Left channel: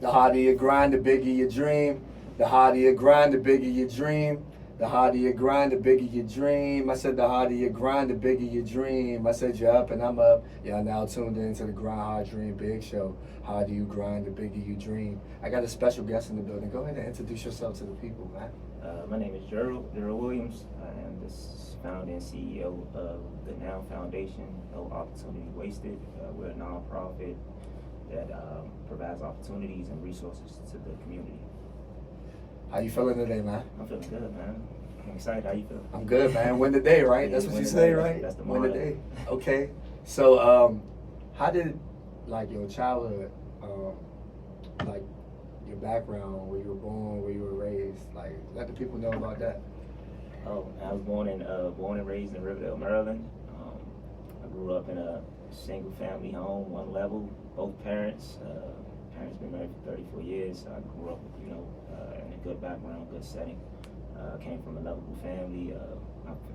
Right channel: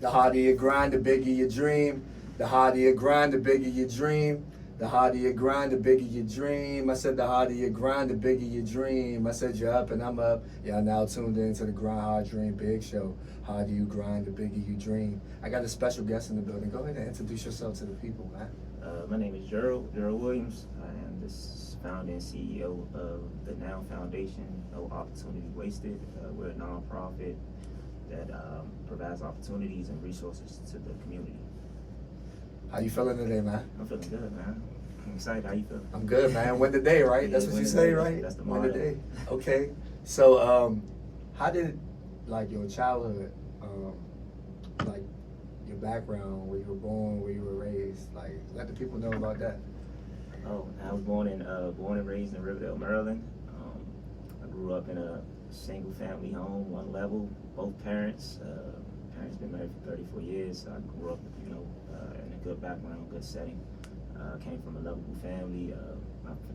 The harder you grind, the bigger your dream. The harder you grind, the bigger your dream. The harder you grind, the bigger your dream. I said the harder you grind, the bigger your dream. I said you're up and I'm up. Y'all now tuned into the Grind Hard Dream Big Show. Harder you grind, the bigger you dream. I got a special guest in the building. Go ahead and introduce yourself to the people, man. My name is Gerald Williams. I am the founder and CEO of the Now Foundation, No Opportunity Wasted. We're a nonprofit that provides opportunities and resources to the community. How you feeling today, man? I'm feeling good, man. I'm excited. How you feeling? I'm good, man. Win the day, right? That's what you say, right? That's the Win the motto. day. Okay. So, how did like your childhood, like your background, where you were born, where you were raised, like let the people know about that. Oh, I was born and raised in Riverdale, Maryland. I grew up in a single family home, one level, both parents. Parents been married for 34 years. So I grew up, in a good background, good setting. Came from a lovable family.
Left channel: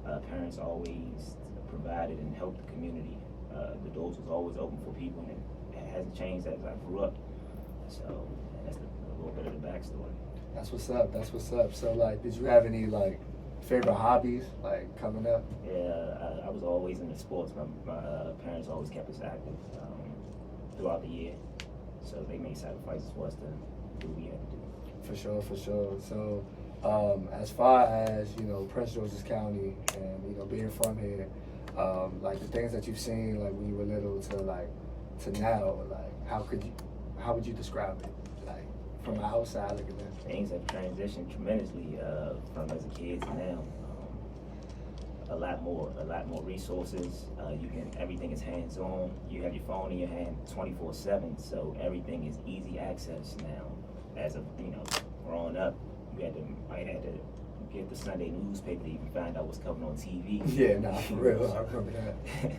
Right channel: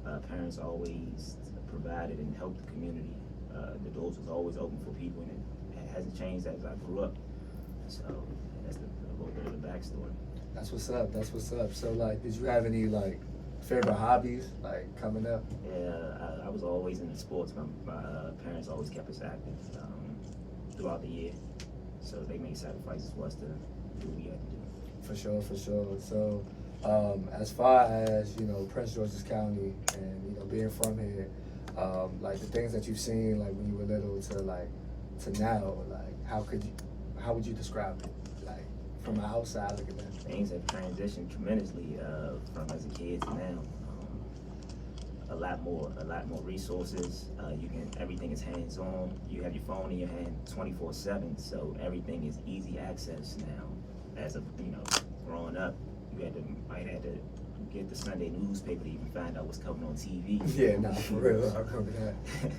My parents always provided and helped the community. The doors was always open for people, and it hasn't changed as I grew up. So that's a little bit of the backstory. That's what's up. That's what's up. So, like, did you have any like favorite hobbies like coming up? Yeah, I was always into sports. My parents always kept us active throughout the year, so they made sacrifices for us to do what we had to do. For sure, for sure. So, as far as Prince George's County and being from here, like the things that you've seen like when you were little to now, like how would you describe it? Like from the outside looking at. Things have transitioned tremendously from as a kid to now. A lot more resources. Everything is hands-on. You have your phone in your hand 24/7, so everything is easy access now. As of growing up, might have to get the Sunday newspaper to even find out what's coming on TV. Yeah, no, for real. I remember that.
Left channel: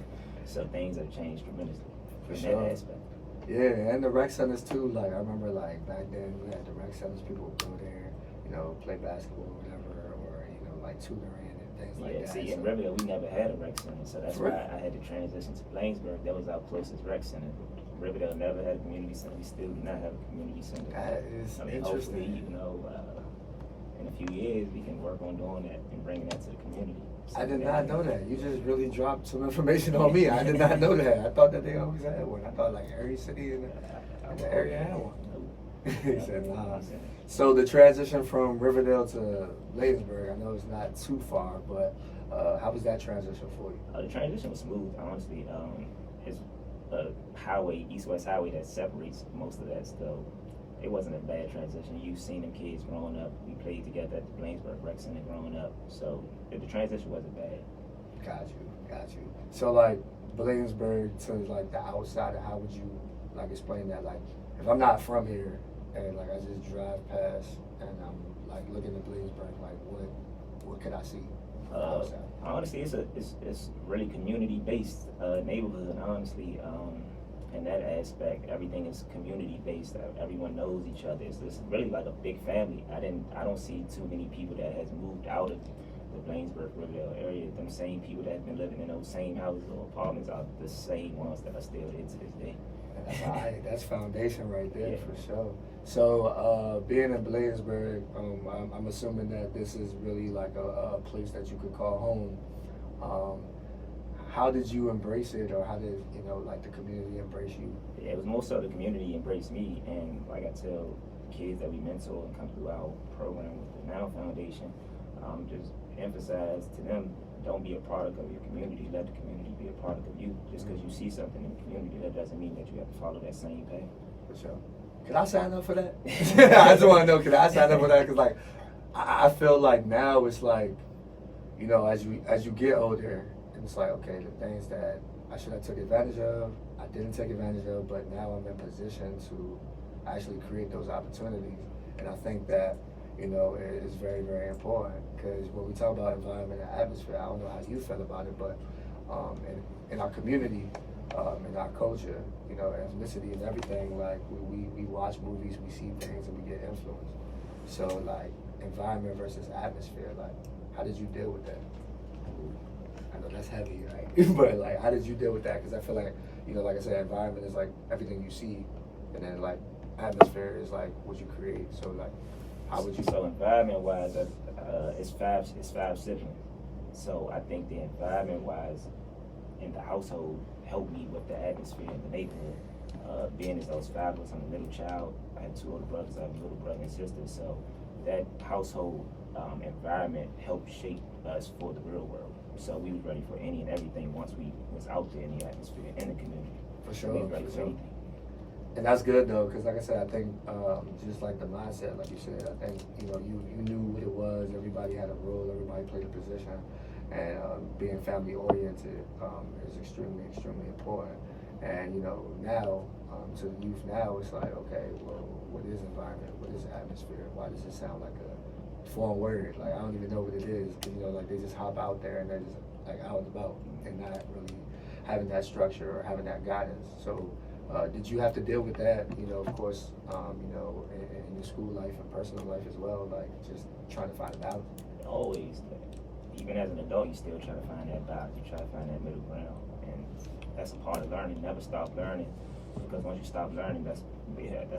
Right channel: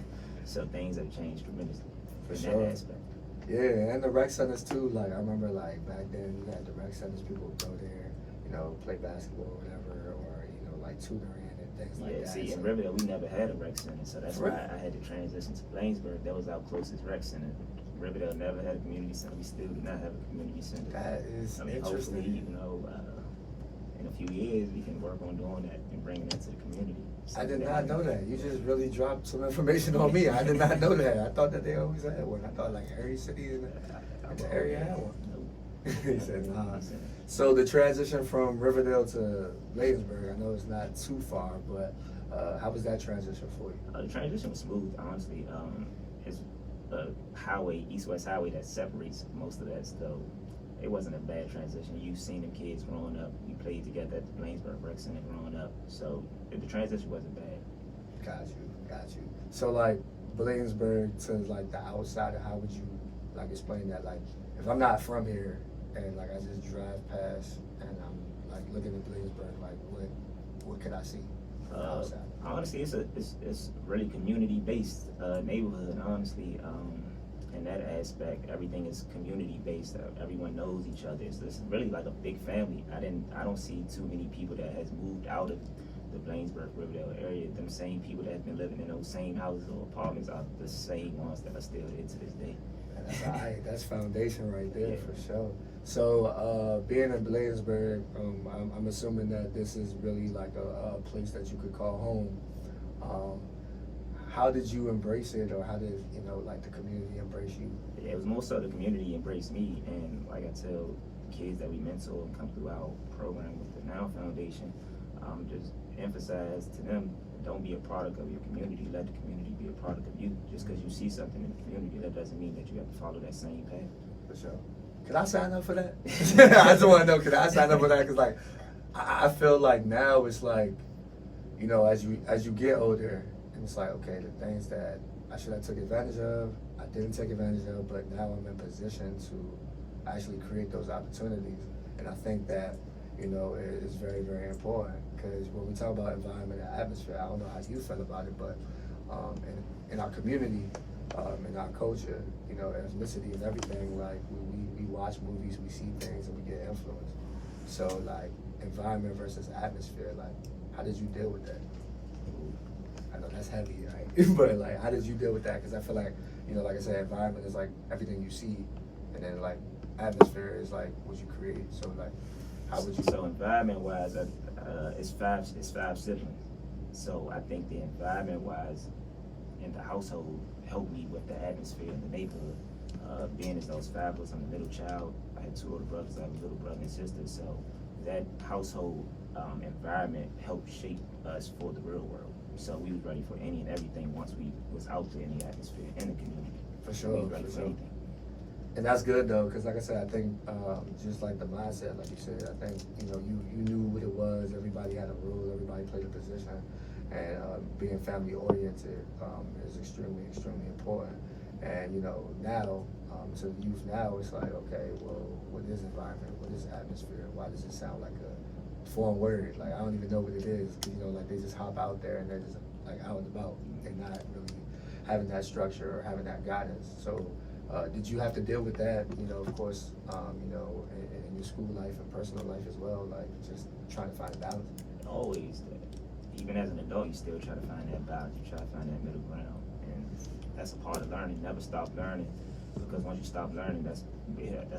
So things have changed tremendously For in sure. that aspect. Yeah, and the rec centers too. Like I remember, like back then we had the rec centers. People would go there, play basketball or whatever, or like tutoring and things like that. See, in Riverdale we never had a rec center, so that's why I had to transition to Ladiesburg. That was our closest rec center. Riverdale never had a community center. We still do not have a community center. That is interesting. Hopefully, in a few years we can work on doing that and bringing that to the community. So I did not know that. You just really dropped some information on me. I did not know that. I thought that they always had one. I thought like every city in the area had one. He said, nah. So the transition from Riverdale to Ladiesburg, I know it's not too far, but how was that transition for you? The transition was smooth, honestly. It's a highway, east-west highway that separates most of that, so it wasn't a bad transition. You've seen them kids growing up. We played together at the Ladiesburg Rec Center growing up, so the transition wasn't bad. Got you. So like Williamsburg to like the outside, how would you like explain that? Like if I'm not from here and like I just drive past and I'm like looking at Williamsburg, like what could I see from the outside? Honestly, it's really community based neighborhood. Honestly, in that aspect, everything is community based. Everyone knows each other. It's really like a big family. I don't see too many people that has moved out of the Blanesburg, Riverdale area. Them same people that have been living in those same houses or apartments are the same ones that are still here to this day. That's foundation right there. Yeah. For sure. So being in Bladensburg, I'm assuming that this is really like a place that you could call home. How did you embrace it, or how did like the community embrace you? Yeah, it was more so the community embraced me, and like I tell kids that we mentor and come through our program with the Now Foundation, just emphasize to them, don't be a product of your community, let the community be a product of you. Just because you see something in the community, that doesn't mean that you have to follow that same path. For sure. Could I sign up for that? I just want to know, could I sign up for that? Because like, I feel like now it's like, as you get older, and it's like, okay, the things that I should have took advantage of, I didn't take advantage of, but now I'm in position to actually create those opportunities. And I think that, it is very, very important, because when we talk about environment and atmosphere, I don't know how you feel about it, but in our community, in our culture, ethnicity and everything, like we watch movies, we see things, and we get influenced. So like environment versus atmosphere, like how did you deal with that? I know that's heavy, right? But like how did you deal with that? Because I feel like, like I said, environment is like everything you see, and then like atmosphere is like would you create? So like, how would you? So environment wise, it's five siblings. So I think the environment wise in the household helped me with the atmosphere in the neighborhood. Being as those five was, I'm a middle child. I had two older brothers. I have a little brother and sister. So that household environment helped shape us for the real world. So we was ready for any and everything once we was out there in the atmosphere in the community. For sure, we was ready for for sure. anything. And that's good though, because like I said, I think just like the mindset, like you said, I think you knew what it was. Everybody had a role. Everybody played a position, and being family oriented is extremely important. And now to the youth now, it's like, okay, well, what is environment? What is atmosphere? Why does it sound like a foreign word? Like I don't even know what it is. Cause, like they just hop out there and they're just like out and about and not really having that structure or having that guidance. So. Did you have to deal with that, of course, in your school life and personal life as well, like just trying to find a balance? Always, even as an adult, you're still trying to find that balance. You're trying to find that middle ground, and that's a part of learning. Never stop learning, because once you stop learning, that's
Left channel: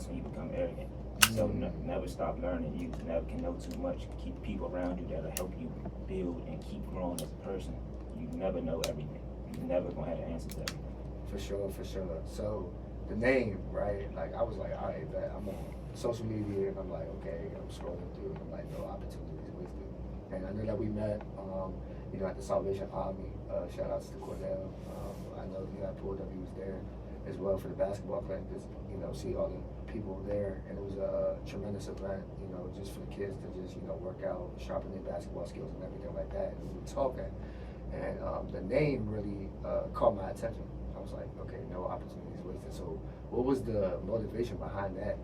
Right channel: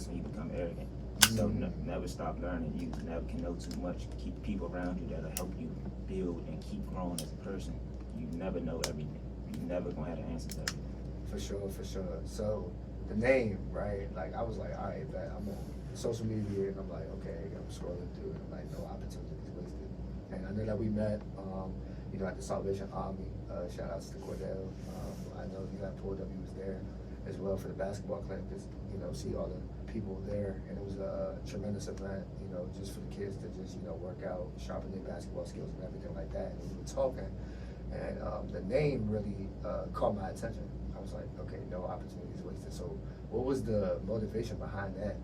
when you become arrogant. So never stop learning. You never can know too much. Keep people around you that'll help you build and keep growing as a person. You never know everything. You're never gonna have the answers to everything. For sure. So the name, right? Like I was like, all right, bet I'm on social media, and I'm like, okay, I'm scrolling through, and like no opportunities wasted. And I know that we met, at the Salvation Army. Shout outs to Cordell. I know you had pulled up. He was there as well for the basketball clinic. Just see all the people there, and it was a tremendous event. Just for the kids to just work out, sharpen their basketball skills and everything like that. And we were talking, and the name really caught my attention. I was like, okay, no opportunities wasted. So what was the motivation behind that?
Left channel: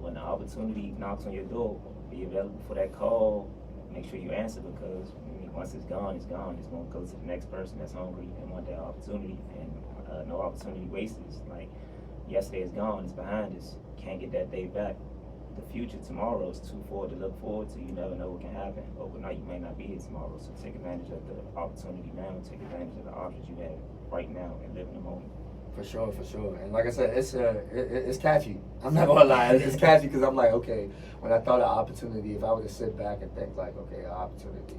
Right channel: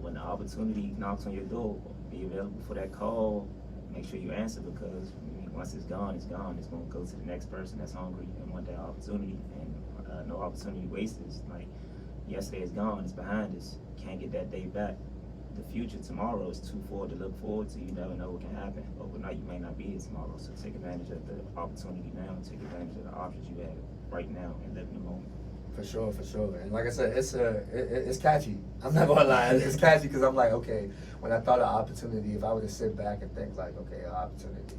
When the opportunity knocks on your door, be available for that call. Make sure you answer, because once it's gone, it's gone. It's going to go to the next person that's hungry and want that opportunity. And no opportunity wasted. Like yesterday is gone, it's behind us. Can't get that day back. The future tomorrow is too forward to look forward to. You never know what can happen. Overnight, you may not be here tomorrow. So take advantage of the opportunity now. Take advantage of the options you have right now and live in the moment. For sure. And like I said, it's catchy. I'm not gonna lie, it's catchy because I'm like, okay, when I thought of opportunity, if I were to sit back and think like, okay, opportunity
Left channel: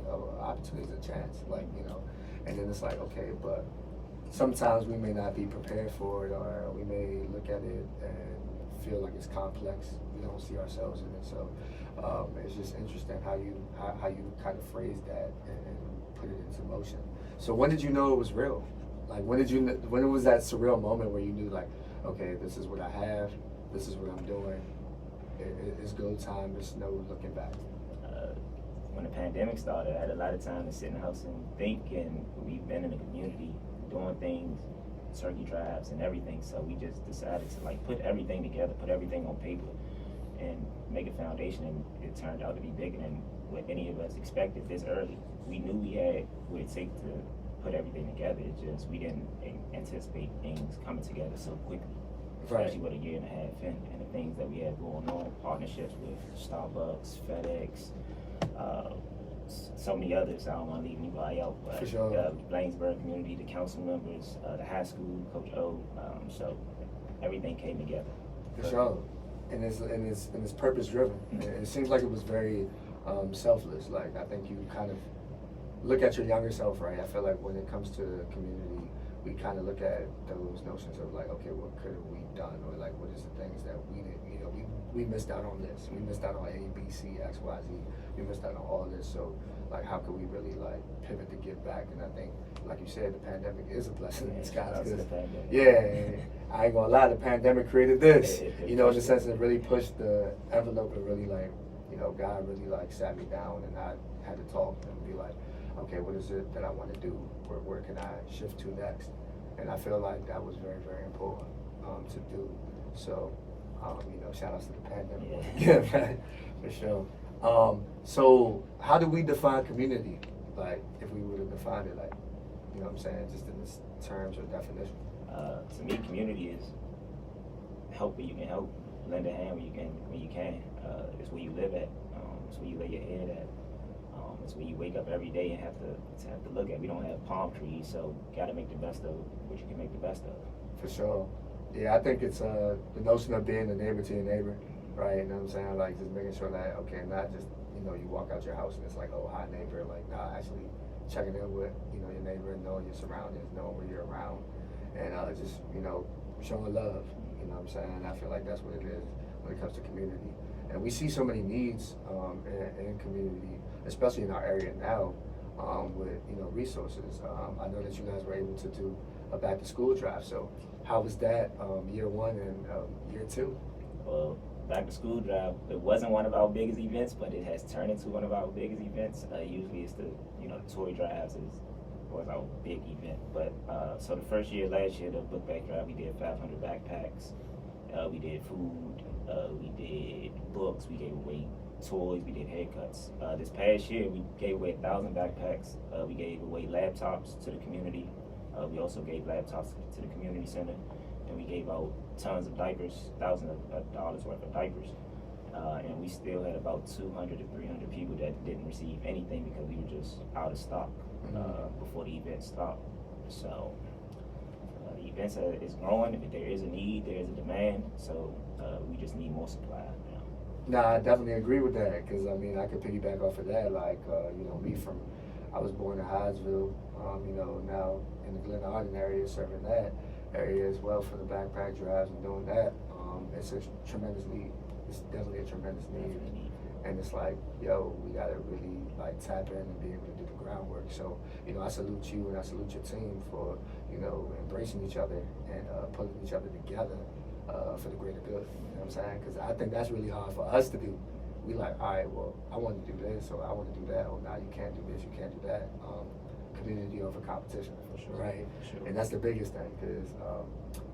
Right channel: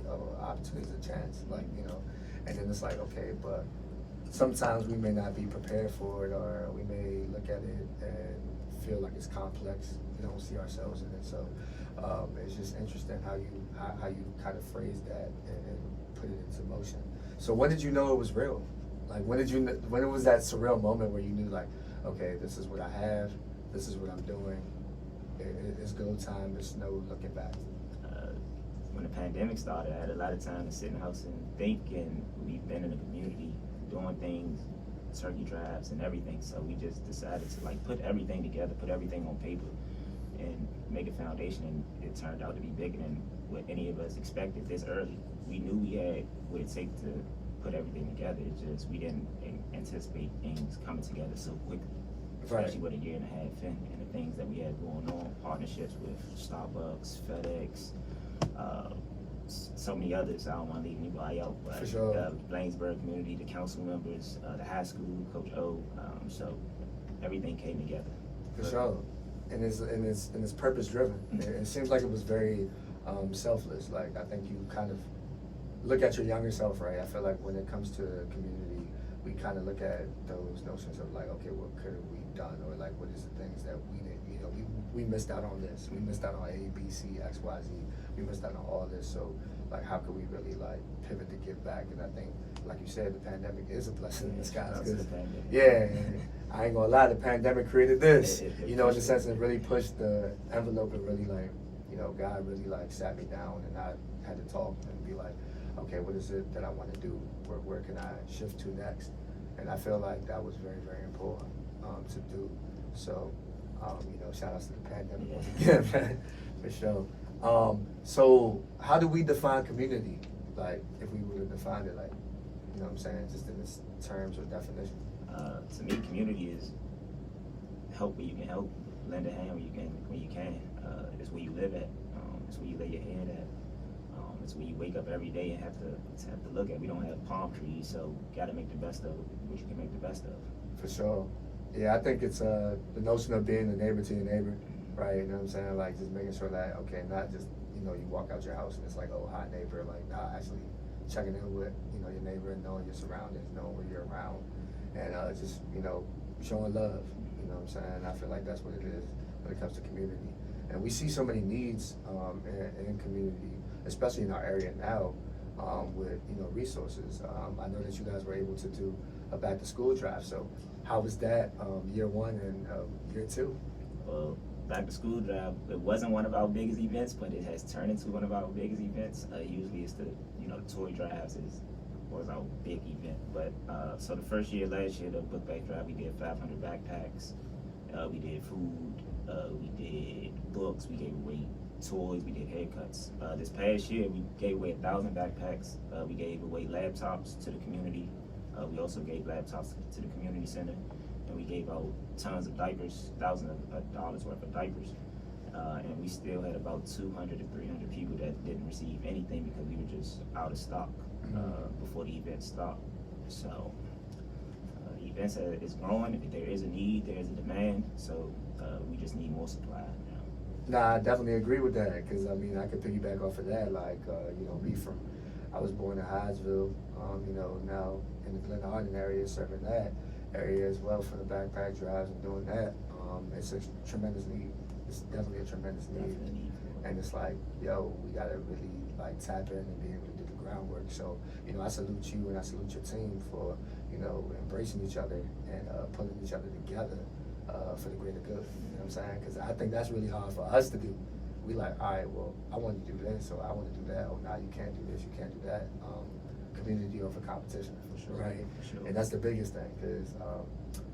is a chance, and then it's like, okay, but sometimes we may not be prepared for it, or we may look at it and feel like it's complex. We don't see ourselves in it. So it's just interesting how you kind of phrase that and put it into motion. So when did you know it was real? Like when was that surreal moment where you knew like, okay, this is what I have, this is what I'm doing, it's go time, there's no looking back? When the pandemic started, I had a lot of time to sit in the house and think, and we've been in the community doing things, turkey drives and everything, so we just decided to like put everything together, put everything on paper and make a foundation, and it turned out to be bigger than what any of us expected this early. We knew we had what it takes to put everything together. It's just we didn't anticipate things coming together so quickly, especially with a year and a half in, and the things that we had going on, partnerships with Starbucks, FedEx, so many others. I don't want to leave anybody out, but For sure. Ladiesburg community, the council members, the high school, Coach O, so everything came together. For sure. And it's purpose driven. It seems like it was very selfless. Like I think you kind of look at your younger self, right? I feel like when it comes to the community, we kind of look at those notions of like, okay, what could have we done, or like what is the things that we did? We missed out on this. We missed out on A, B, C, X, Y, Z. We missed out on all this. So like, how could we really like pivot to give back? And I think, like you said, the pandemic is a blessing in disguise. I ain't gonna lie, the pandemic created this. In the sense it really pushed the envelope, and really like, God really like sat me down, and I had to talk and be like, okay, what is it that I want to do? Where can I shift to next? And I feel like that was very, very important to do. So, shout outs to the pandemic. Yeah, for sure. So how do we define community? Like, if we were to define it, like, what I'm saying, just in this terms or definition. To me, community is help where you can help, lend a hand when you can. It's where you live at. It's where you lay your head at. It's where you wake up every day and have to look at. We don't have palm trees, so gotta make the best of what you can make the best of. For sure. Yeah, I think it's the notion of being a neighbor to your neighbor, right? You know what I'm saying? Like just making sure that, okay, not just, you walk out your house and it's like, oh, hi neighbor, like actually checking in with, your neighbor and knowing your surroundings, knowing where you're around, and just, showing love, you know what I'm saying? I feel like that's what it is when it comes to community. And we see so many needs in community, especially in our area now, with, resources. I know that you guys were able to do a back to school drive, so how was that year one and year two? Well, back to school drive, it wasn't one of our biggest events, but it has turned into one of our biggest events. Usually it's the toy drives was our big event. But so the first year, last year, the book bag drive, we did 500 backpacks. We did food. We did books. We gave away toys. We did haircuts. This past year, we gave away 1,000 backpacks. We gave away laptops to the community. We also gave laptops to the community center, and we gave out tons of diapers, thousands of dollars worth of diapers. And we still had about 200 to 300 people that didn't receive anything because we were just out of stock before the event stopped. So the event is growing. If there is a need, there is a demand. So we just need more supply now. Nah, I definitely agree with that, because I could piggyback off of that. Like, I was born in Hyattsville, now in the Glen Arden area, serving that area as well for the backpack drives and doing that. It's definitely a tremendous need. And it's like, yo, we gotta really like tap in and be able to do the groundwork. So, I salute you and I salute your team for, embracing each other and putting each other together for the greater good. You know what I'm saying? Because I think that's really hard for us to do. We like, all right, well, I want to do this, or I want to do that, or now you can't do this, you can't do that. Community over competition, for sure, right? For sure. And that's the biggest thing, because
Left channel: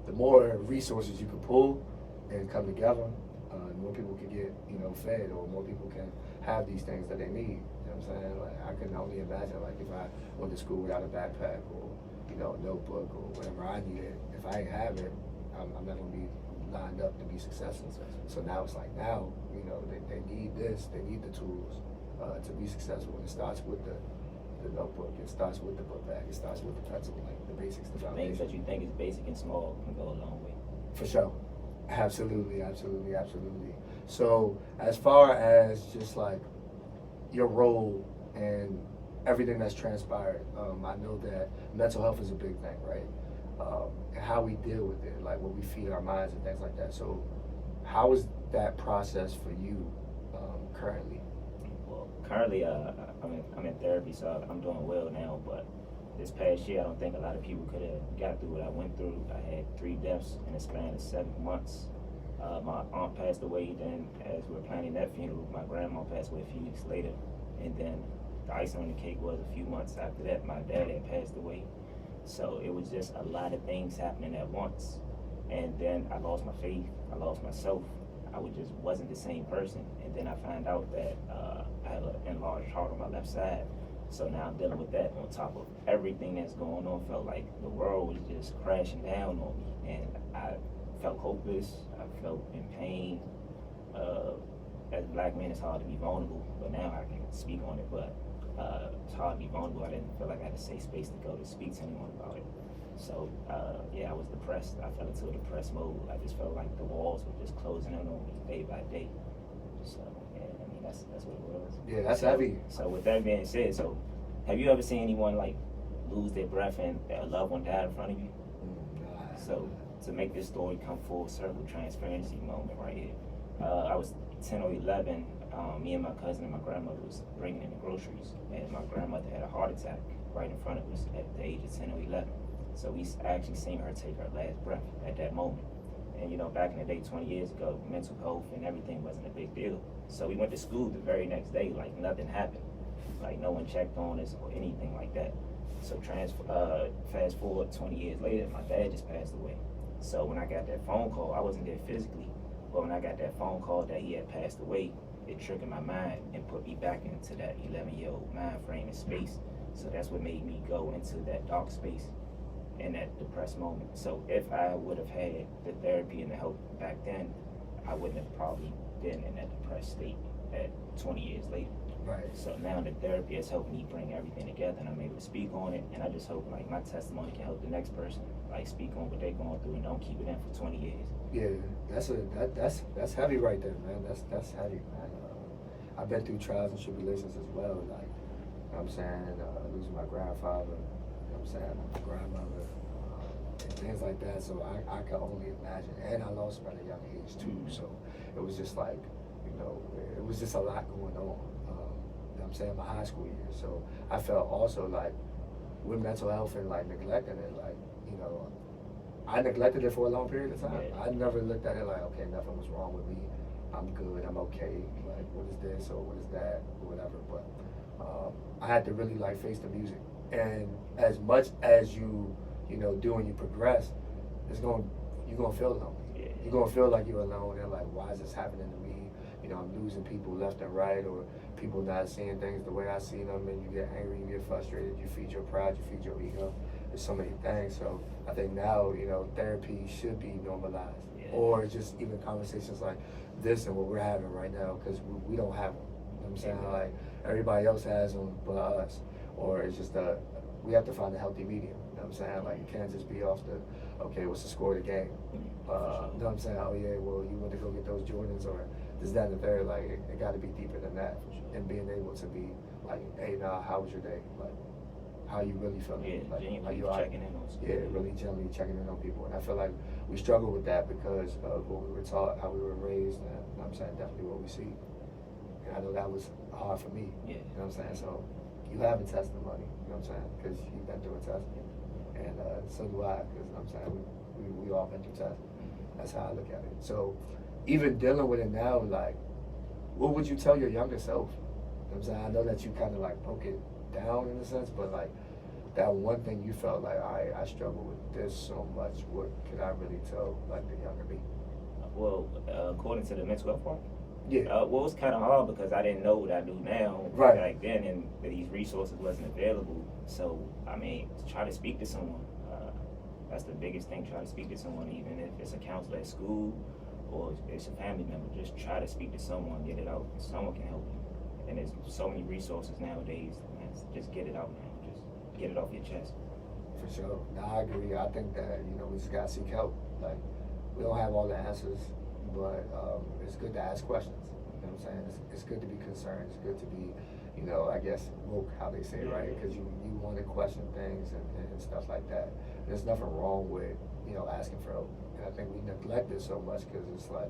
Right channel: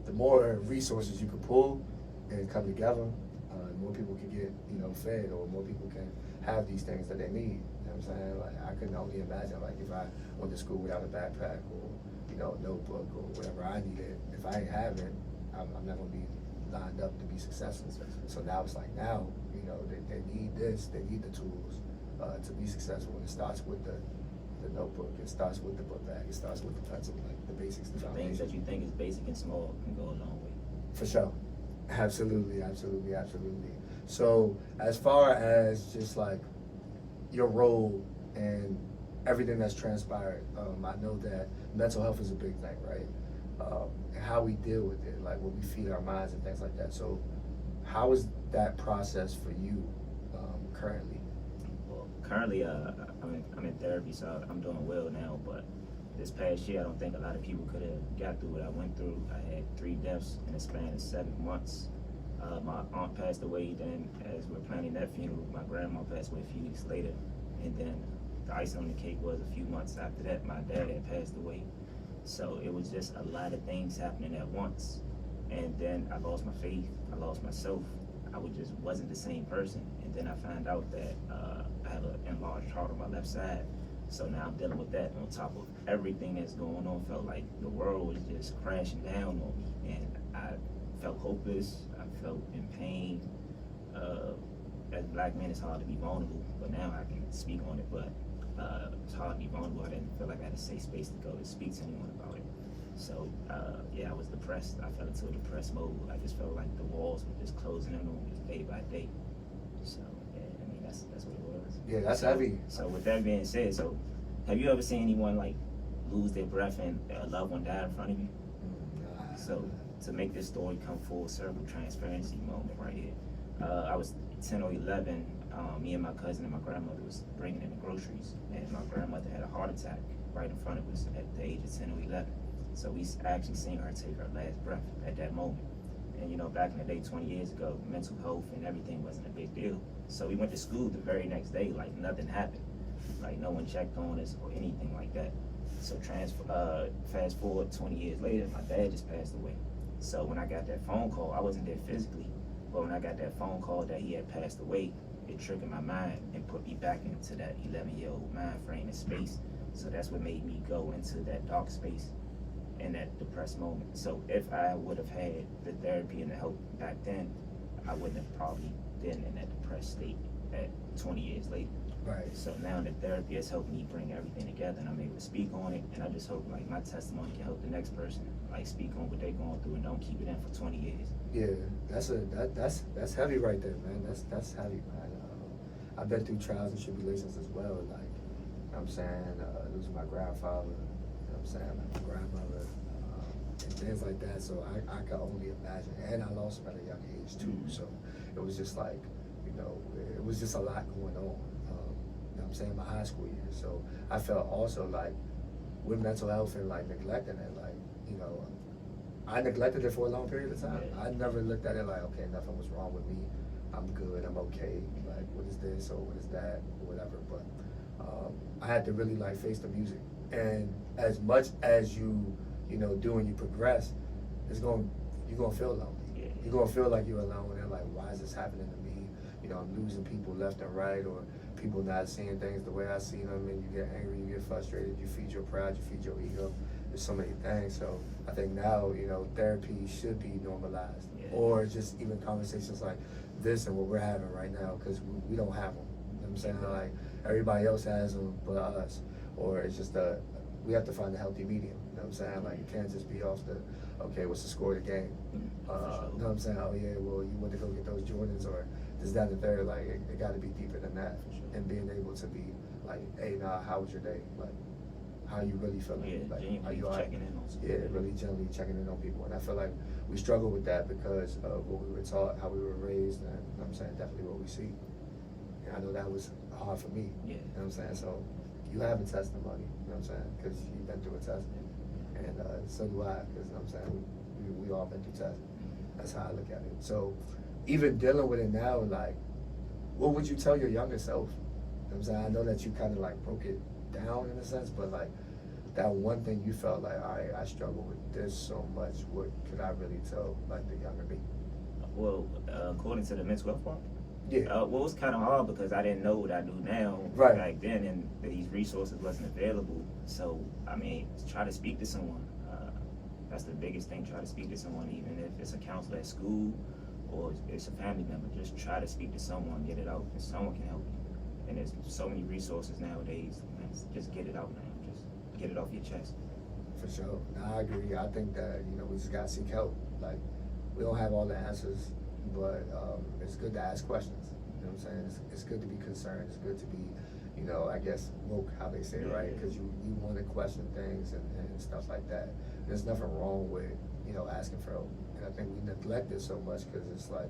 the more resources you can pull and come together, the more people can get, fed, or more people can have these things that they need. You know what I'm saying? Like, I can only imagine, like, if I went to school without a backpack or, a notebook or whatever I needed, if I ain't have it, I'm not gonna be lined up to be successful. So now it's like, now, they need this, they need the tools to be successful. And it starts with the notebook, it starts with the book bag, it starts with the pencil, like the basics, the foundation. Things that you think is basic and small can go a long way. For sure. Absolutely. So as far as just like your role and everything that's transpired, I know that mental health is a big thing, right? And how we deal with it, like what we feed our minds and things like that. So how is that process for you currently? Well, currently I'm in therapy, so I'm doing well now, but this past year I don't think a lot of people could have got through what I went through. I had 3 deaths in a span of 7 months. My aunt passed away, then as we were planning that funeral, my grandma passed away a few weeks later, and then the icing on the cake was a few months after that, my dad had passed away. So it was just a lot of things happening at once. And then I lost my faith, I lost myself. I just wasn't the same person. And then I found out that I have an enlarged heart on my left side. So now I'm dealing with that on top of everything that's going on. Felt like the world was just crashing down on me. And I felt hopeless, I felt in pain. As a black man, it's hard to be vulnerable, but now I can speak on it. But it's hard to be vulnerable. I didn't feel like I had a safe space to go to speak to anyone about it. So I was depressed. I fell into a depressed mode. I just felt like the walls were just closing in on me day by day. So yeah, that's what it was. Yeah, that's heavy. So with that being said, so have you ever seen anyone like lose their breath and a loved one die in front of you? So to make this story come full circle, transparency moment right here. I was 10 or 11. Me and my cousin and my grandmother was bringing in the groceries, and my grandmother had a heart attack right in front of us at the age of 10 or 11. So we actually seen her take her last breath at that moment. And back in the day, 20 years ago, mental health and everything wasn't a big deal. So we went to school the very next day like nothing happened. Like no one checked on us or anything like that. So fast forward 20 years later, my dad just passed away. So when I got that phone call, I wasn't there physically, but when I got that phone call that he had passed away, it triggered my mind and put me back into that 11-year-old mind frame and space. So that's what made me go into that dark space in that depressed moment. So if I would have had the therapy and the help back then, I wouldn't have probably been in that depressed state at 20 years later. Right. So now the therapy has helped me bring everything together, and I'm able to speak on it, and I just hope like my testimony can help the next person like speak on what they're going through and don't keep it in for 20 years. Yeah, that's heavy right there, man. That's heavy, man. I've been through trials and tribulations as well, like, you know what I'm saying, losing my grandfather, you know what I'm saying, my grandmother, and things like that. So I can only imagine, and I lost him at a young age too. So it was just like, you know, it was just a lot going on. You know what I'm saying, my high school years. So I felt also like with mental health and like neglecting it, like, you know, I neglected it for a long period of time. I never looked at it like, okay, nothing was wrong with me. I'm good. I'm okay. Like, what is this or what is that or whatever. But I had to really like face the music. And as much as you know, do and you progress, you're gonna feel lonely. Yeah. You're gonna feel like you're alone and like, why is this happening to me? You know, I'm losing people left and right, or people not seeing things the way I see them, and you get angry, you get frustrated, you feed your pride, you feed your ego. There's so many things. So I think now, you know, therapy should be normalized, or just even conversations like this and what we're having right now, because we don't have them. You know what I'm saying? Like, everybody else has them but us. Or it's just we have to find a healthy medium. You know what I'm saying? Like, you can't just be off the, okay, what's the score of the game? You know what I'm saying? Oh yeah, well, you went to go get those Jordans, or this, that, and the third. Like, it got to be deeper than that. And being able to be like, hey, nah, how was your day? Like, how you really feeling? Yeah, like, genuinely checking in on people. Yeah, really genuinely checking in on people. And I feel like we struggle with that because of what we were taught, how we were raised, and you know what I'm saying, definitely what we see. And I know that was hard for me. Yeah. You know what I'm saying? So you have a testimony, you know what I'm saying? Because you've been through a test. And so do I, because you know what I'm saying, we all been through tests. That's how I look at it. So even dealing with it now, like, what would you tell your younger self? You know what I'm saying? I know that you kind of like broke it down in a sense, but like that one thing you felt like, all right, I struggle with this so much. What could I really tell like the younger me? Well, according to the mental health part, yeah. Well, it was kind of hard because I didn't know what I do now back then, and these resources wasn't available. So, I mean, try to speak to someone. That's the biggest thing. Try to speak to someone, even if it's a counselor at school or it's a family member. Just try to speak to someone, get it out. Someone can help you. And there's so many resources nowadays. Man, just get it out now. Just get it off your chest. For sure. No, I agree. I think that, you know, we just gotta seek help. Like, we don't have all the answers, but it's good to ask questions. You know what I'm saying? It's good to be concerned. It's good to be, you know, I guess, woke, how they say, right? Because you want to question things and stuff like that. There's nothing wrong with, you know, asking for help. And I think we neglect it so much because it's like,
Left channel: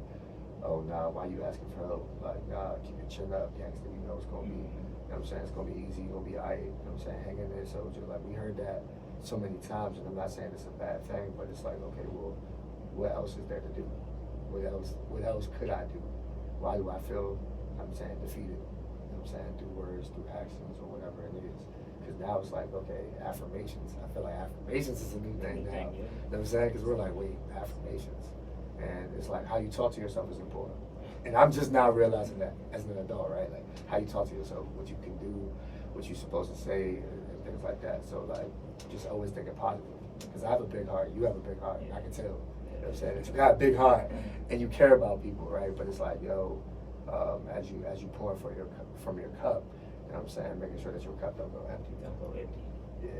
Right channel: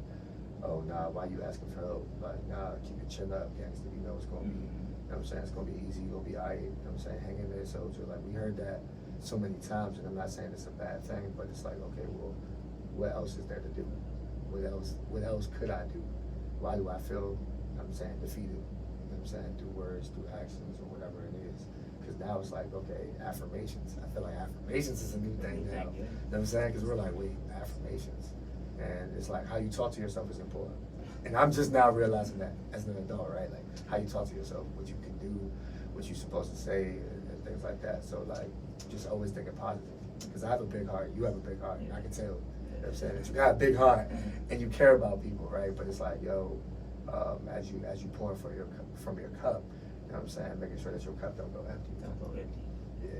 oh, nah, why you asking for help? Like, nah, keep your chin up, gangster. You know it's going to be, you know what I'm saying? It's going to be easy. You're going to be all right. You know what I'm saying? Hang in there, soldier. Like, we heard that so many times, and I'm not saying it's a bad thing, but it's like, okay, well, what else is there to do? What else could I do? Why do I feel, you know what I'm saying, defeated? You know what I'm saying? Through words, through actions, or whatever it is. Because now it's like, okay, affirmations. I feel like affirmations is a new thing now. You know what I'm saying? Because we're like, wait, affirmations. And it's like how you talk to yourself is important. And I'm just now realizing that as an adult, right? Like how you talk to yourself, what you can do, what you're supposed to say, and things like that. So like, just always thinking positive. Because I have a big heart, you have a big heart, I can tell. You know what I'm saying? That you got a big heart and you care about people, right? But it's like, yo, as you pour from your cup, you know what I'm saying? Making sure that your cup don't go empty. Don't go empty. Yeah.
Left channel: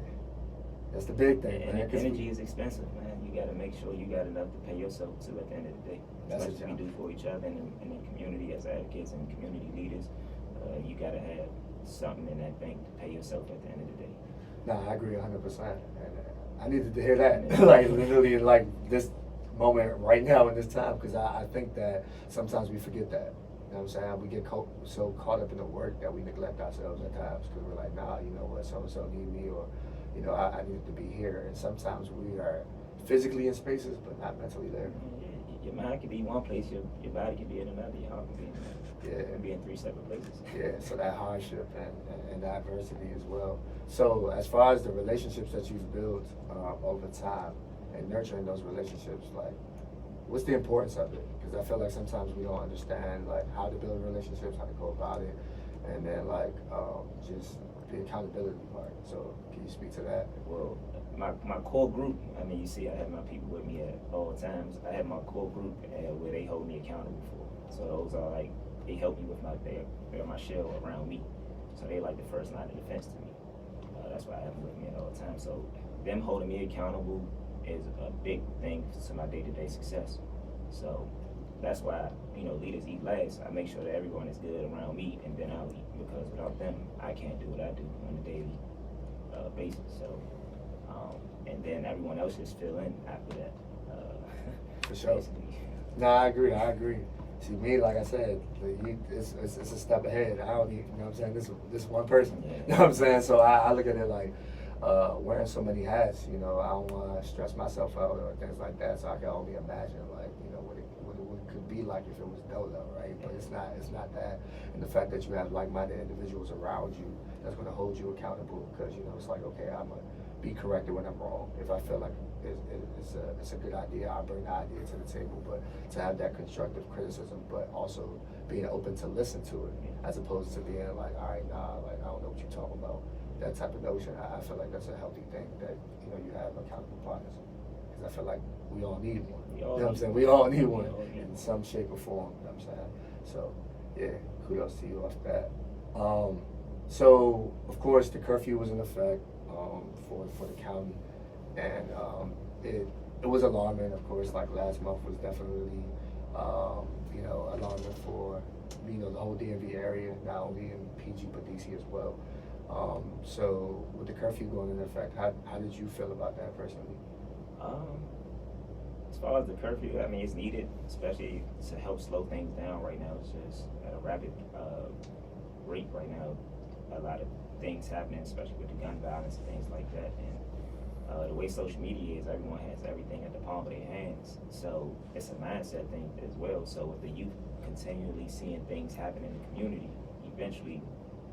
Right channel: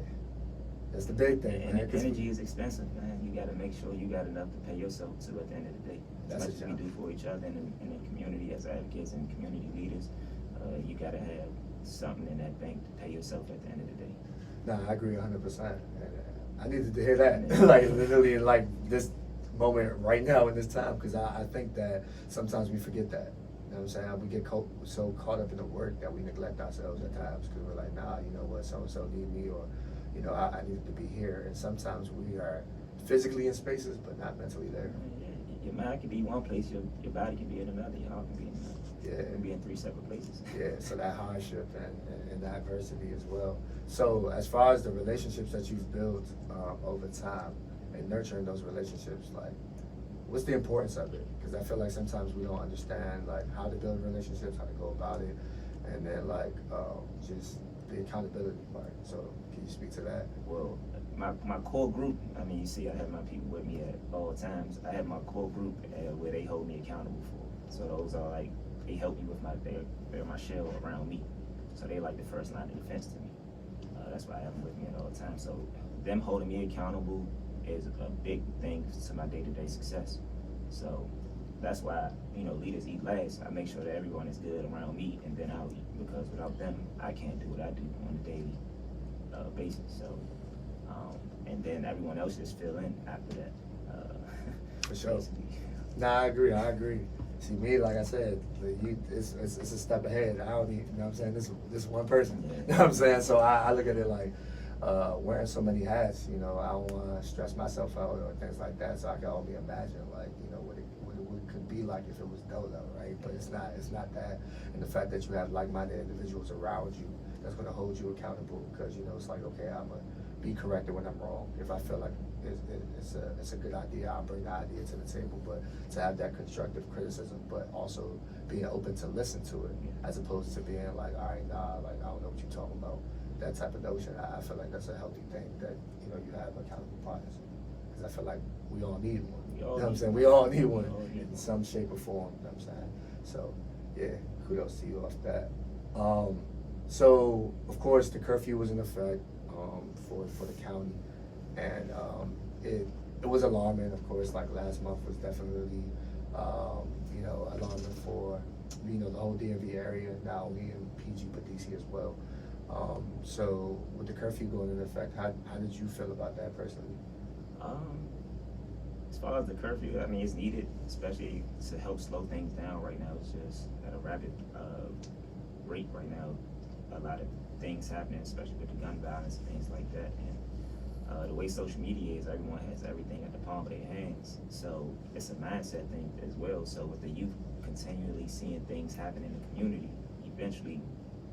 That's the big thing. And energy is expensive, man. You got to make sure you got enough to pay yourself to at the end of the day. As much as we do for each other and in the community as advocates and community leaders, you got to have something in that bank to pay yourself at the end of the day. Nah, I agree 100%. I needed to hear that, like literally in like this moment right now in this time, because I think that sometimes we forget that. You know what I'm saying? We get so caught up in the work that we neglect ourselves at times because we're like, nah, you know what, so-and-so need me, or, you know, I need to be here. And sometimes we are physically in spaces, but not mentally there. Your mind can be one place, your body can be in another, your heart can be in another. Yeah. It can be in three separate places. Yeah, so that hardship and that adversity as well. So as far as the relationships that you've built over time and nurturing those relationships, like, what's the importance of it? Because I feel like sometimes we don't understand like how to build relationships, how to go about it, and then like just the accountability part. So can you speak to that? Well, my core group, I mean, you see I have my people with me at all times. I have my core group where they hold me accountable for. So those are like, they help me with they're my shell around me. So they like the first line of defense to me. That's why I have them with me at all times. So them holding me accountable, is a big thing to my day-to-day success. So that's why, leaders eat last. I make sure that everyone is good around me, and then I'll eat, because without them, I can't do what I do on a daily basis. So, and then everyone else just fill in after that. For sure. Basically. Nah, I agree. See, me, like I said, it's a step ahead. I don't need, you know what I'm saying? This one person. Yeah. You know what I'm saying? So I look at it like wearing so many hats. I don't want to stress myself out or things like that. So I can only imagine, like, what it could be like if it was Dolo, right? But it's not that. And the fact that you have like-minded individuals around you that's going to hold you accountable, because it's like, okay, I'm gonna be corrected when I'm wrong. If I feel like it's a good idea, I'll bring the idea to the table. But to have that constructive criticism, but also being open to listen to it, as opposed to being like, all right, nah, like, I don't know what you're talking about. That type of notion, I feel like that's a healthy thing, that you have accountable partners, because I feel like we all need one. You know what I'm saying? We all need one in some shape or form. You know what I'm saying? So yeah, kudos to you off that. So of course the curfew was in effect for the county, and it was alarming. Of course, like last month was definitely alarming for the whole DMV area, not only in PG but DC as well. So with the curfew going into effect, how did you feel about that personally? As far as the curfew, I mean, it's needed, especially to help slow things down right now. It's just at a rapid rate right now. A lot of things happening, especially with the gun violence and things like that. And the way social media is, everyone has everything at the palm of their hands. So it's a mindset thing as well. So with the youth continually seeing things happen in the community, eventually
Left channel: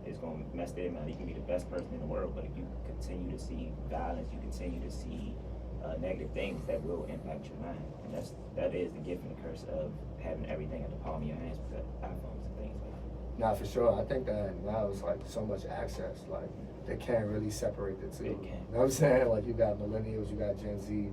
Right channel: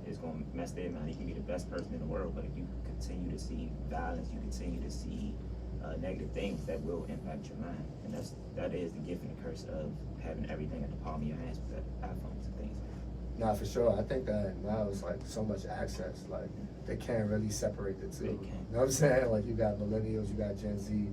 it's going to mess their mind. You can be the best person in the world, but if you continue to see violence, you continue to see negative things, that will impact your mind. And that is the gift and the curse of having everything at the palm of your hands with iPhones and things like that. Nah, for sure. I think that now it's like so much access, like they can't really separate the two. They can't. You know what I'm saying? Like you got millennials, you got Gen Z,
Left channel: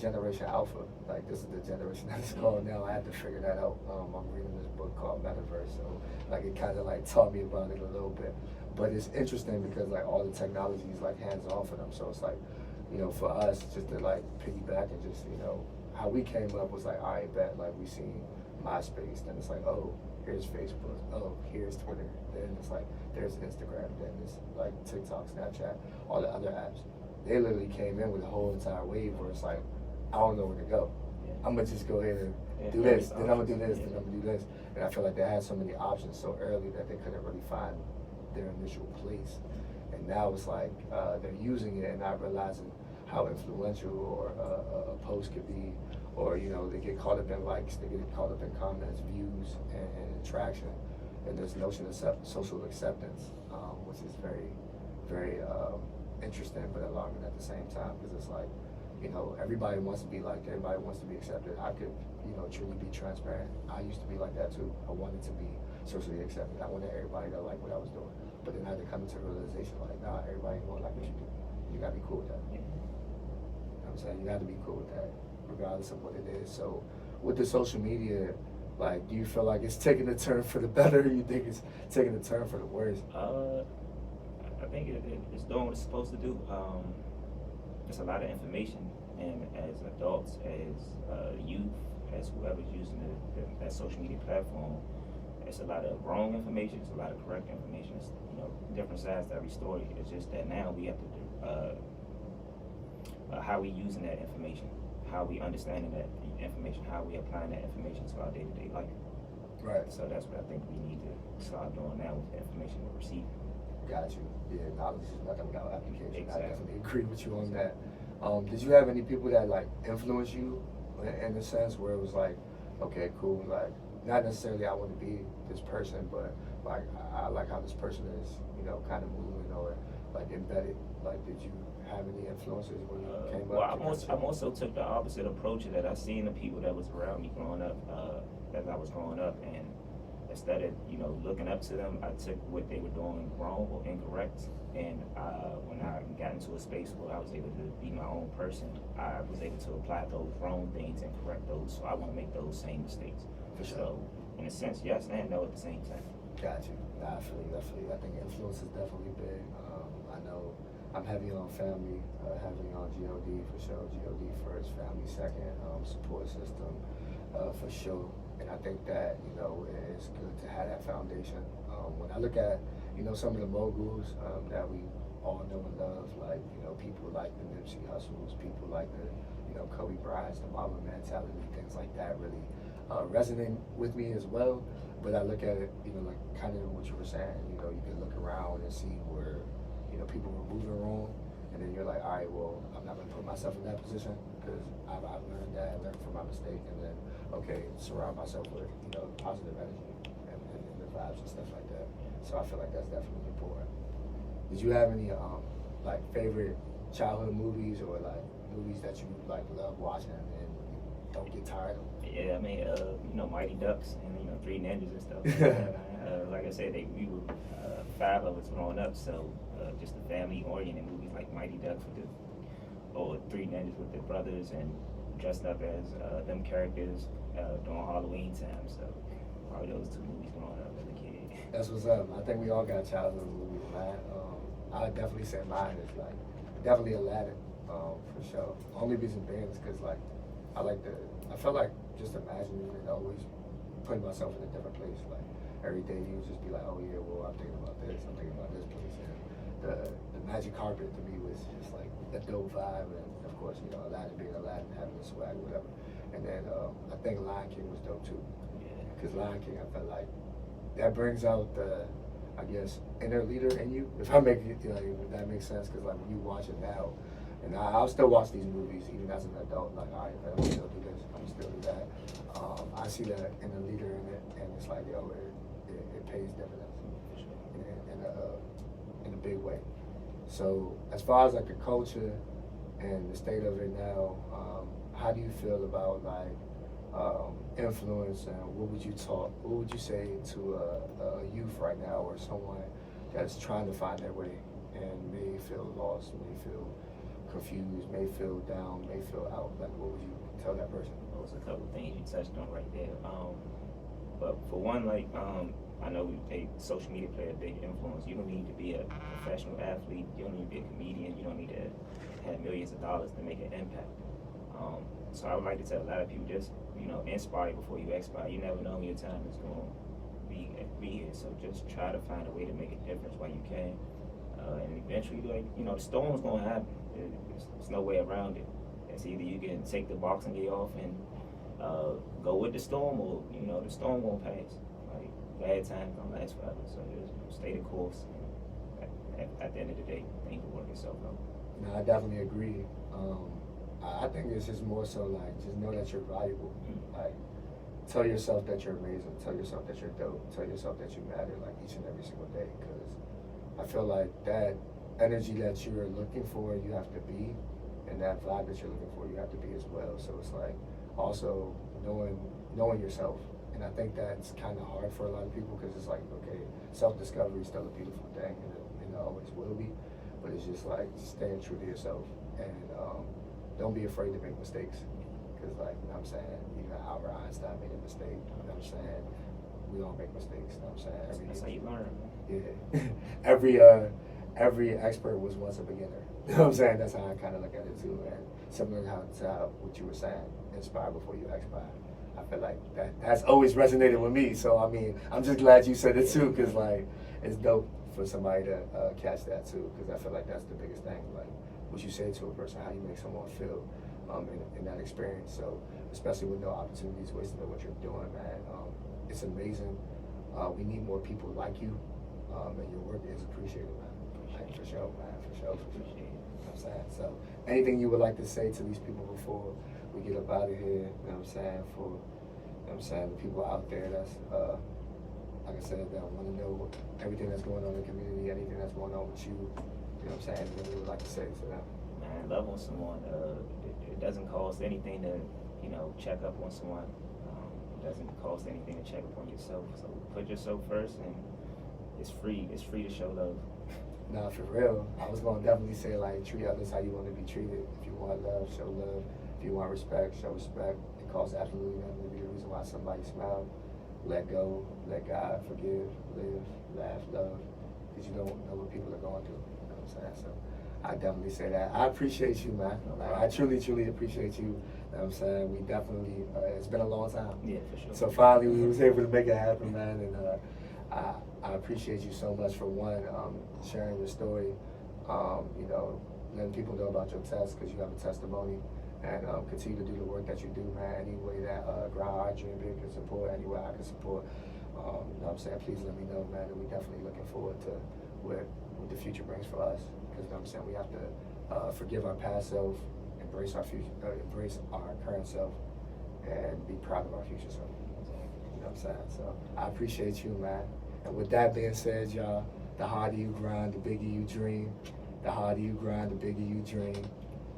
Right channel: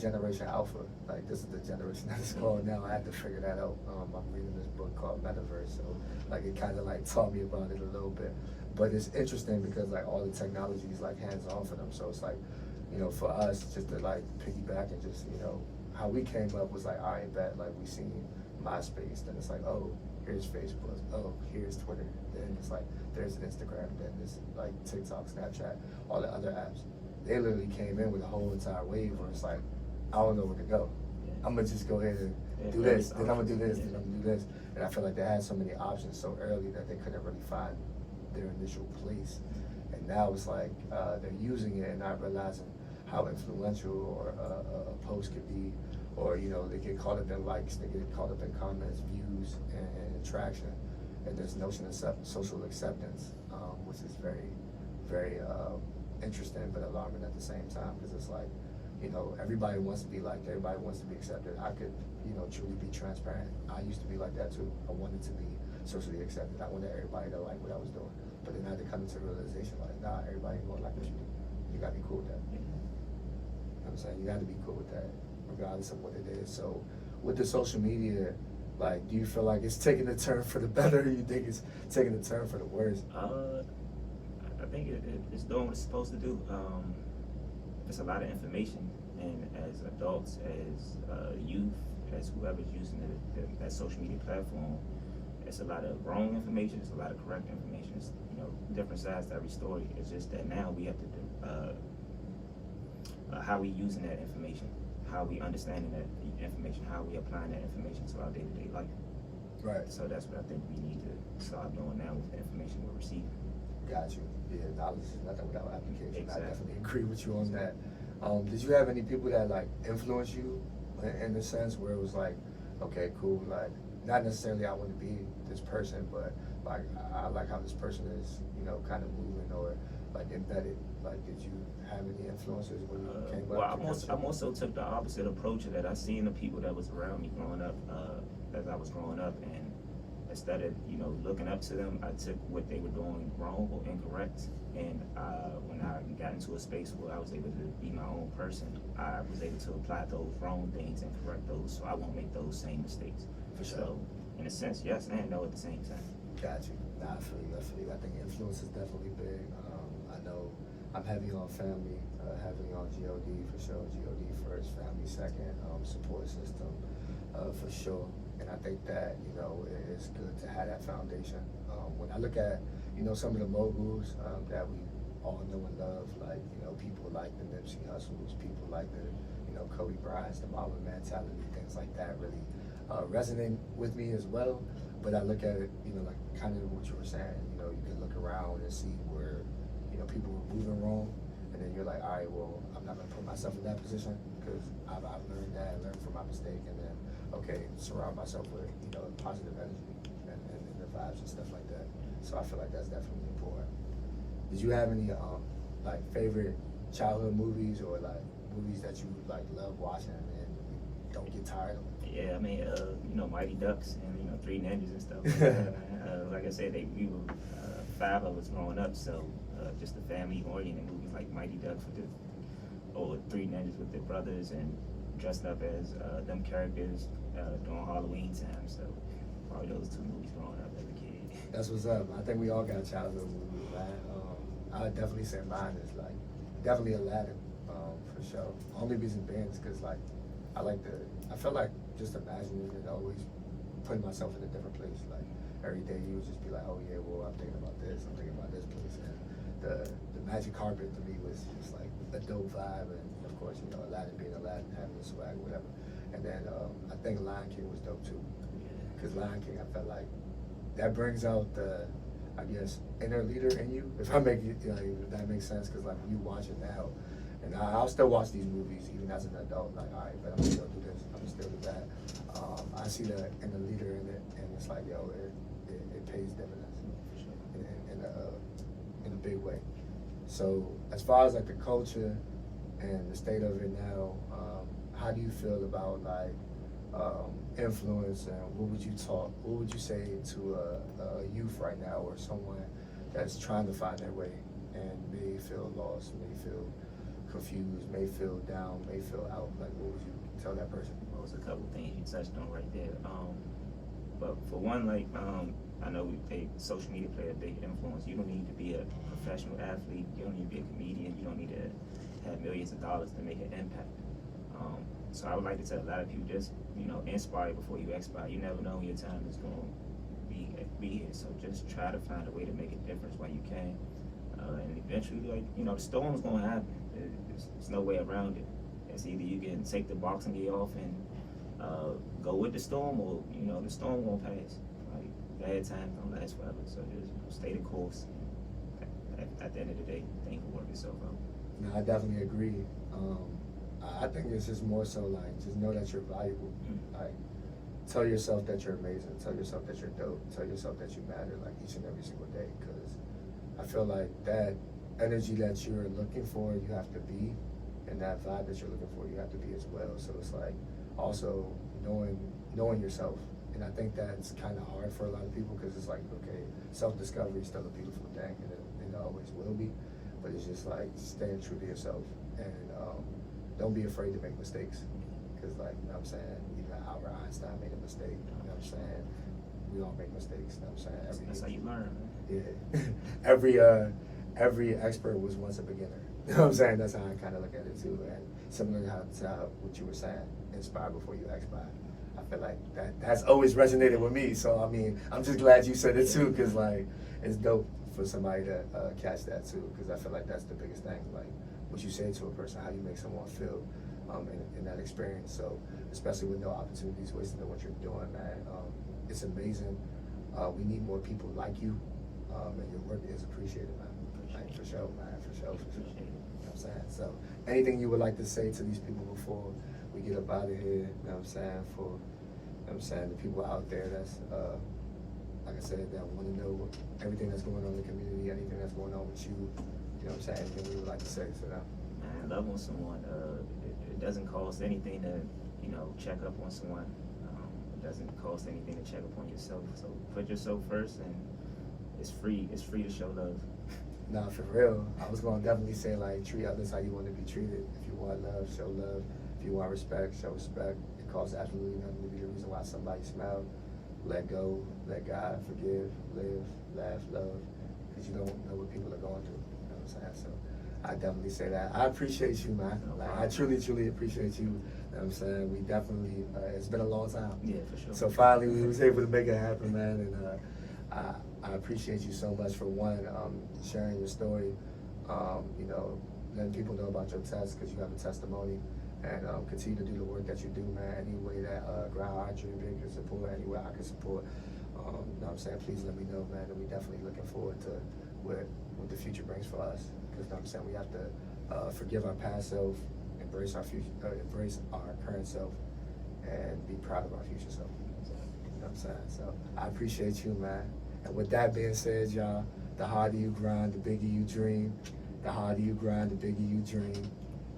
Generation Alpha. Like this is the generation that it's called now. I had to figure that out. I'm reading this book called Metaverse, so like it kind of like taught me about it a little bit. But it's interesting because like all the technology is like hands off of them. So it's like, for us just to like piggyback and just how we came up was like, all right, bet, like we seen MySpace, then it's like, oh, here's Facebook, oh, here's Twitter, then it's like there's Instagram, then it's like TikTok, Snapchat, all the other apps. They literally came in with a whole entire wave where it's like, I don't know where to go. Yeah. I'm gonna just go ahead and do this, then I'm gonna do this, then I'm gonna do this. And I feel like they had so many options so early that they couldn't really find their initial place. And now it's like they're using it and not realizing how influential or a post could be, or they get caught up in likes, they get caught up in comments, views, and traction, and this notion of social acceptance, which is very, very interesting but alarming at the same time, because it's like, everybody wants to be liked, everybody wants to be accepted. I could, truly be transparent. I used to be like that too. I wanted to be socially accepted. I wanted everybody to like what I was doing, but then I had to come into a realization like, nah, everybody ain't gonna like what you do. You gotta be cool with that. Yeah. You know what I'm saying? You gotta be cool with that, regardless of what it is. So with the social media, like, do you feel like it's taking a turn for the better, or you think it's taking a turn for the worse? I think it's doing what it's supposed to do. It's a lot of information, and as adults, as youth, as whoever's using that social media platform, it's a lot of wrong information, it's a lot of correct information. It's, different sides to every story. It's just that now we have to do how we using that information, how we understanding that information, how we applying that information to our day-to-day life. Right. So that's what I think we need to start doing now with the information we're receiving. Got you. Yeah, knowledge is nothing without application. Exactly. I definitely agree with you on that. Did you have any people that like influence you in the sense where it was like, okay, cool, like not necessarily I want to be this person, but like I like how this person is, kind of moving or like embedded. Like, did you have any influences when you came up? Well, I also took the opposite approach of that. I seen the people that was around me growing up, as I was growing up, and instead of looking up to them, I took what they were doing wrong or incorrect, and when I got into a space where I was able to be my own person, I was able to apply those wrong things and correct those, so I won't make those same mistakes. For sure. So, in a sense, yes and no at the same time. Got you. Nah, I feel you. I think influence is definitely big. I'm heavy on family, heavily on God for sure. God first, family second, support system for sure. And I think that, you know, it's good to have that foundation. When I look at, you know, some of the moguls that we all know and love, like, you know, people like the Nipsey Hussles, people like the, you know, Kobe Bryant's, the Mamba mentality, things like that really resonate with me as well. But I look at it, you know, like kind of what you were saying, you know, you can look around and see where, you know, people were moving wrong. And then you're like, all right, well, I'm not going to put myself in that position because I've learned that, learned from my mistake. And then, okay, surround myself with, you know, positive energy and the vibes and stuff like that. So I feel like that's definitely important. Did you have any, like, favorite childhood movies or, like, movies that you, like, love watching and don't get tired of? Yeah, I mean, you know, Mighty Ducks and, you know, Three Ninjas and stuff. Like I said, we were 5 of us growing up, so just the family-oriented movies like Mighty Ducks or Three Ninjas with their brothers and dressed up as them characters during Halloween time. So probably those 2 movies growing up as a kid. That's what's up. I think we all got childhood movies, man. I'd definitely say mine is like definitely Aladdin, for sure. Only reason being is because like I felt like just imagining it, always putting myself in a different place. Like every day you would just be like, oh yeah, well I'm thinking about this, I'm thinking about this place, and the magic carpet to me was just like a dope vibe, and of course you know Aladdin being Aladdin, having the swag, whatever. And then I think Lion King was dope too, because Lion King I felt like that brings out the, I guess, inner leader in you. If I make it, like, if that makes sense, because like when you watch it now, and I'll still watch these movies even as an adult. Like, all right, if I'm still do this, I'm still do that. I see that inner leader in it, and it's like, yo, it pays dividends in a big way. So as far as like the culture and the state of it now, how do you feel about like influence, and what would you say to a youth right now, or someone that's trying to find their way and may feel lost, may feel confused, may feel down, may feel out? Like, what would you tell that person? There was a couple of things you touched on right there. But for one, like, I know social media play a big influence. You don't need to be a professional athlete. You don't need to be a comedian. You don't need to have millions of dollars to make an impact. So I would like to tell a lot of people, just, you know, inspire before you expire. You never know when your time is going to be here. So just try to find a way to make a difference while you can. And eventually, like, you know, the storm's going to happen. There's no way around it. It's either you can take the boxing gear off and go with the storm, or, you know, the storm won't pass. Like, bad times don't last forever. So just, you know, stay the course. At the end of the day, things will work itself out. No, I definitely agree. I think it's just more so like, just know that you're valuable. Like, tell yourself that you're amazing. Tell yourself that you're dope. Tell yourself that you matter, like, each and every single day. Because I feel like that energy that you're looking for, you have to be, and that vibe that you're looking for, you have to be as well. So it's like also knowing yourself. And I think that's kind of hard for a lot of people, because it's like, okay, self-discovery is still a beautiful thing, and it always will be. But it's just like staying true to yourself, and don't be afraid to make mistakes. Because, like, you know what I'm saying, even Albert Einstein made a mistake. You know what I'm saying? We all make mistakes. You know what I'm saying? That's how you learn, man. Yeah. Every expert was once a beginner. You know what I'm saying? That's how I kind of look at it too. And similar to what you were saying, inspire before you expire. I feel like that's always resonated with me. So I mean, I'm just glad you said it too, because like it's dope for somebody to catch that too. Because I feel like that's the biggest thing. Like what you say to a person, how you make someone feel in that experience. So especially with no opportunities wasted on what you're doing, man. It's amazing. We need more people like you, and your work is appreciated, man. Like, for sure, man. For sure. You know what I'm saying? So, anything you would like to say to these people before we get up out of here? You know what I'm saying? For, you know what I'm saying, the people out there that's, like I said, that want to know everything that's going on in the community, anything that's going on with you. You know what I'm saying? Anything you would like to say to them? Man, love on someone. It doesn't cost anything to, you know, check up on someone. It doesn't cost anything to check up on yourself. So put yourself first, and it's free. It's free to show love. Nah, for real. I was gonna definitely say, like, treat others how you want to be treated. If you want love, show love. If you want respect, show respect. It costs absolutely nothing to be the reason why somebody smiled. Let go, let God, forgive, live, laugh, love. Because you don't know what people are going through. You know what I'm saying? So I definitely say that. I appreciate you, man. Like, I truly appreciate you. You know what I'm saying? We definitely, it's been a long time. Yeah, for sure. So finally we was able to make it happen, man. And I appreciate you so much for one, sharing your story. You know, letting people know about your test because you have a testimony. And continue to do the work that you do, man. Any way that Ground Hard Dream Big can support, any way I can support. You know what I'm saying? Please let me know, man. And we're definitely looking forward to what the future brings for us. Because you know what I'm saying, we have to forgive our past self, embrace our future, embrace our current self, and be proud of our future self. You know what I'm saying? So I appreciate you, man. And with that being said, y'all, the harder you grind, the bigger you dream. The harder you grind, the bigger you dream.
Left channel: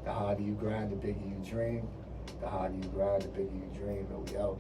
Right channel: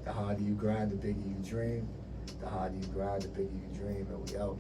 The harder you grind, the bigger you dream. The harder you grind, the bigger you dream. And we out.